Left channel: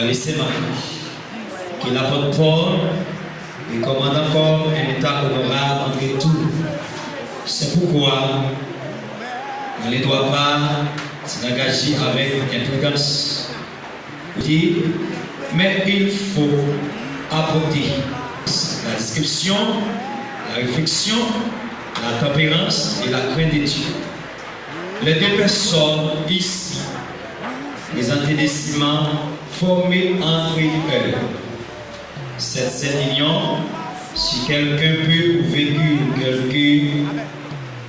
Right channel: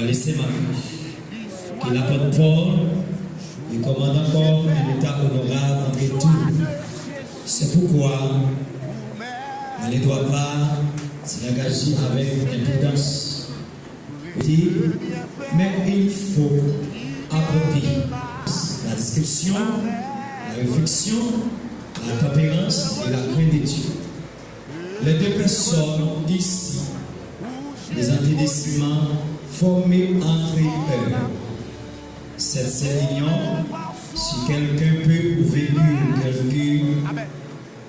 dans les séminaires, que l'apôtre Paul recommande encore un état honorable en retour. C'est pourquoi on ne doit pas s'engager avec imprudence. Mais il faut apporter la description, la réflexion, la tempérance et la crainte de Dieu. Les deux personnes ici, les antédéciments formés entre eux. Cette union, si quelqu'un peut ou vécu quelqu'un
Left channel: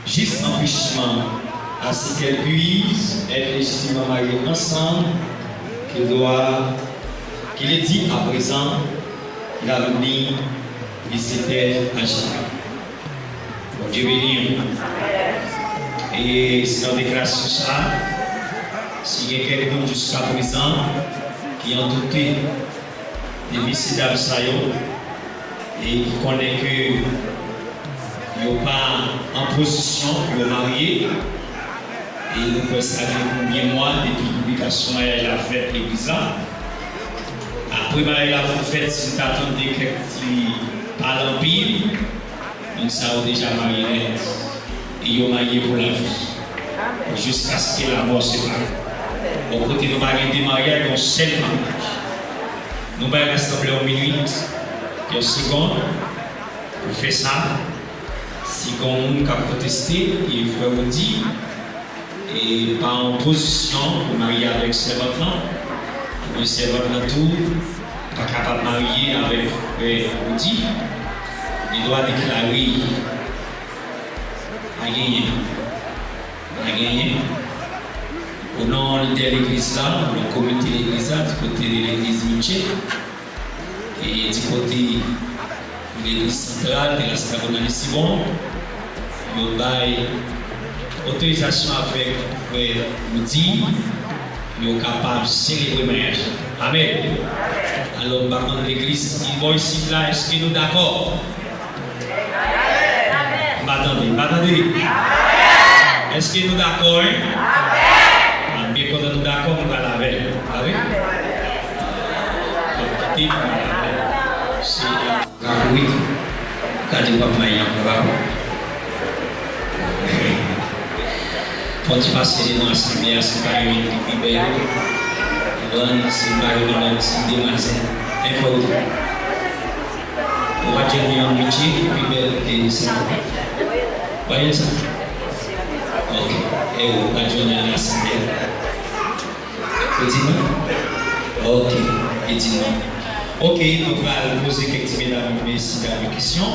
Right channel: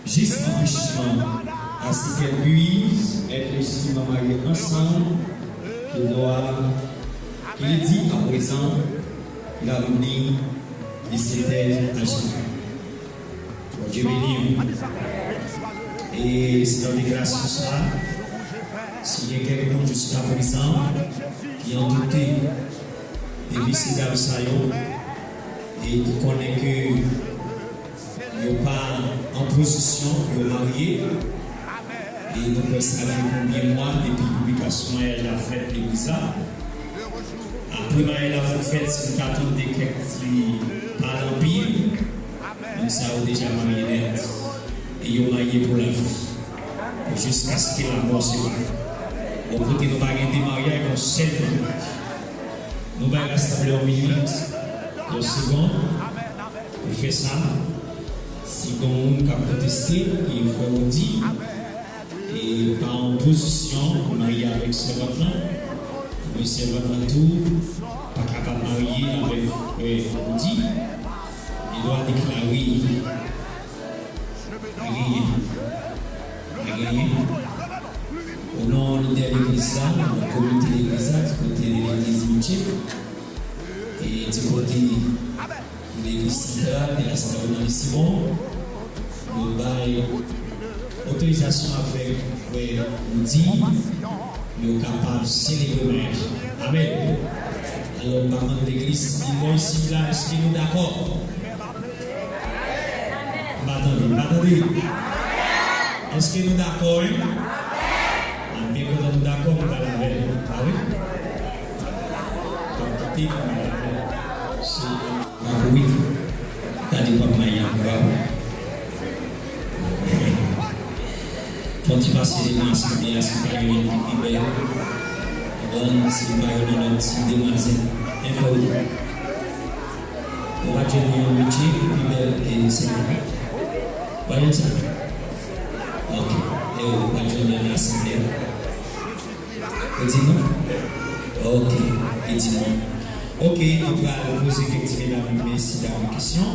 juste enrichissement à ce qu'elle puisse être légitimement mariée ensemble, qu'il est dit à présent, l'avenir visiter à Chicago. Dieu béni. Et c'est dans déclaration ça, s'il y a quelqu'un jusqu'à présent qui ont douté des visiteurs et qui connaît que il n'est pas en position pour marier, et nous pouvons savoir combien de mois depuis la publication de la fête l'église. Après la fête, si nous attendons quelqu'un par l'empire, nous savons déjà marié et ils ont marié pour la vie. Jusqu'à ce que la mort se marie. Au côté de nous marier des mariages, on seul mariage. Nous allons rassembler en minute, quelques secondes, pour faire ça. Si quelqu'un a protesté, il faut vous dire, et pas en position pour marier avec ce maintenant, le serveur de tout, pas capable de marier avec vous dire, il doit déclarer à gagner. Au nom de l'église, le comité de l'église, du côté de l'église Miché, et du côté de l'église centrale de la Stabona de Simon, nous avons autorisation à faire nous dire, nous sommes capables de célébrer le mariage. Amen. Alors, par contre, l'église, ils vont ici, là, est-ce que nous sommes d'accord? Attendez. Est-ce que nous sommes d'accord? Bien quand nous sommes d'accord, nous allons avec. Ah oui? C'est oui. Quand tu vas mailler, quand tu passes les noms, c'est bien, c'est pas une belle. C'est pas une c'est des mazins. Il faut. On va dire un métier, puis belle, et c'est bon. Voyez ça? Ok. Et on va dire un assemblée. Ok, et dis-moi. Ok, donc on va poser quelques questions.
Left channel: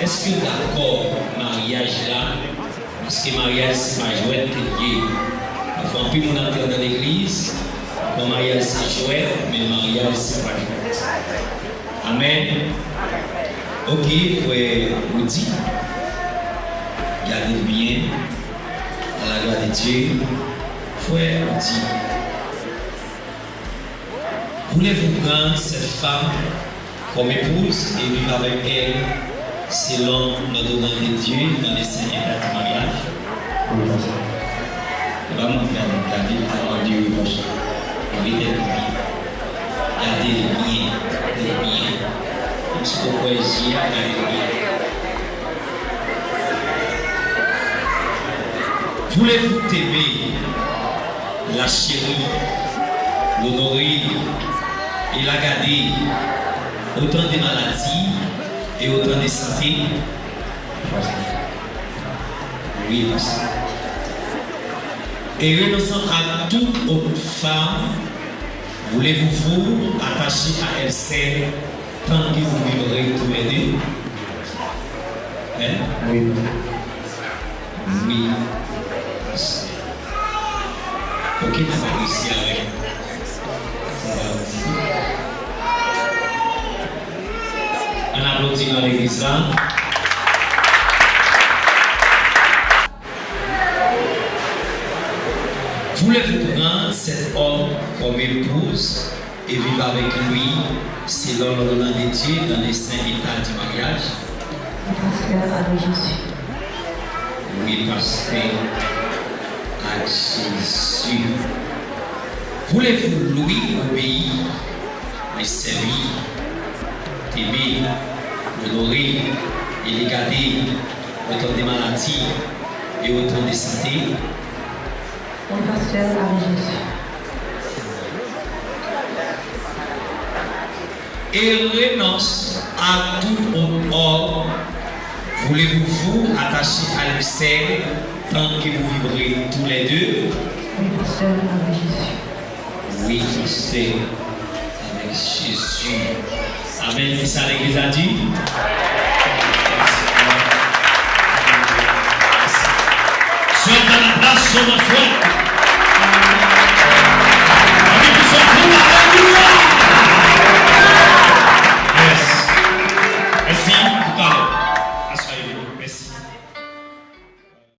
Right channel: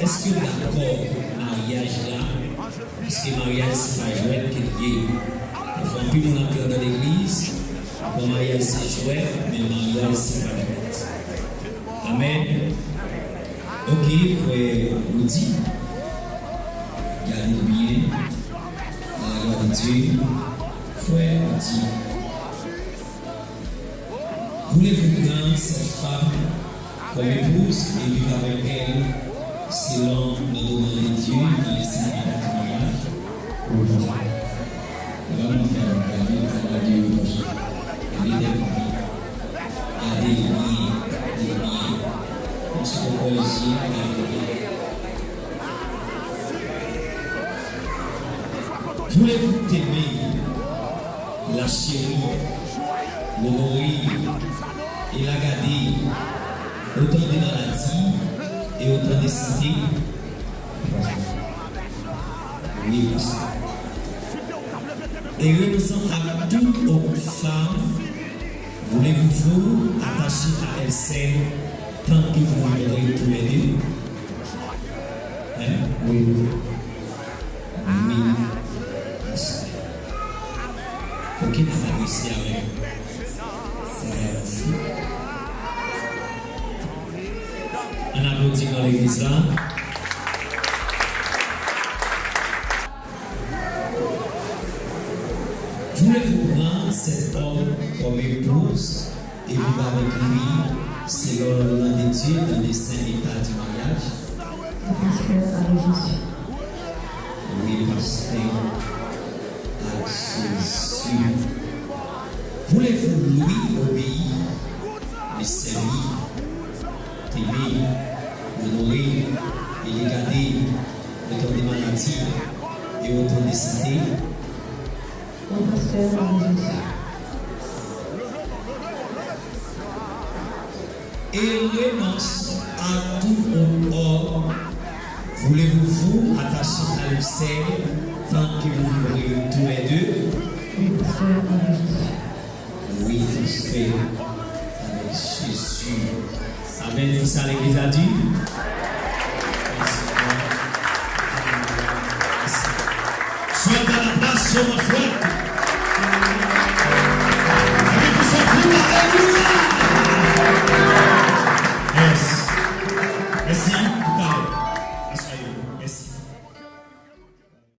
Est-ce que d'accord, mariage là, parce que mariage c'est pas jouet, c'est lié. Enfin, plus on entre dans l'église, le mariage c'est jouet, mais le mariage c'est pas jouet. Amen. Ok, il faut vous dire, gardez bien, à la gloire de Dieu, il faut vous dire. Voulez-vous prendre cette femme comme épouse et vivre avec elle selon l'ordonnance de Dieu dans les saints états du mariage? Vraiment, regardez la parole de Dieu avec les biens. Regardez les biens. Comme ce qu'on peut dire, regardez les biens. Voulez-vous aimer la chérie, l'honorer et la garder autant de maladies et autant de santé? Oui, merci. Et renonçant à toute autre femme, voulez-vous vous attacher à elle seule tant que vous vivrez tous les deux? Hein? Oui. Oui. Ok, tu vas réussir avec. On applaudit dans l'église là. Voulez-vous prendre cet homme comme épouse et vivre avec lui selon l'ordonnance de Dieu dans les saints états du mariage? Parce que avec Jésus. Oui, parce que à Jésus. Voulez-vous lui obéir garder autant de maladies et autant de santé. Oui, pasteur, avec Jésus. Et renonce à tout autre ordre. Voulez-vous vous attacher à l'obsèque tant que vous vivrez tous les deux? Oui, pasteur, avec Jésus. Oui, pasteur, avec Jésus. Amen. Ça, l'Église a dit.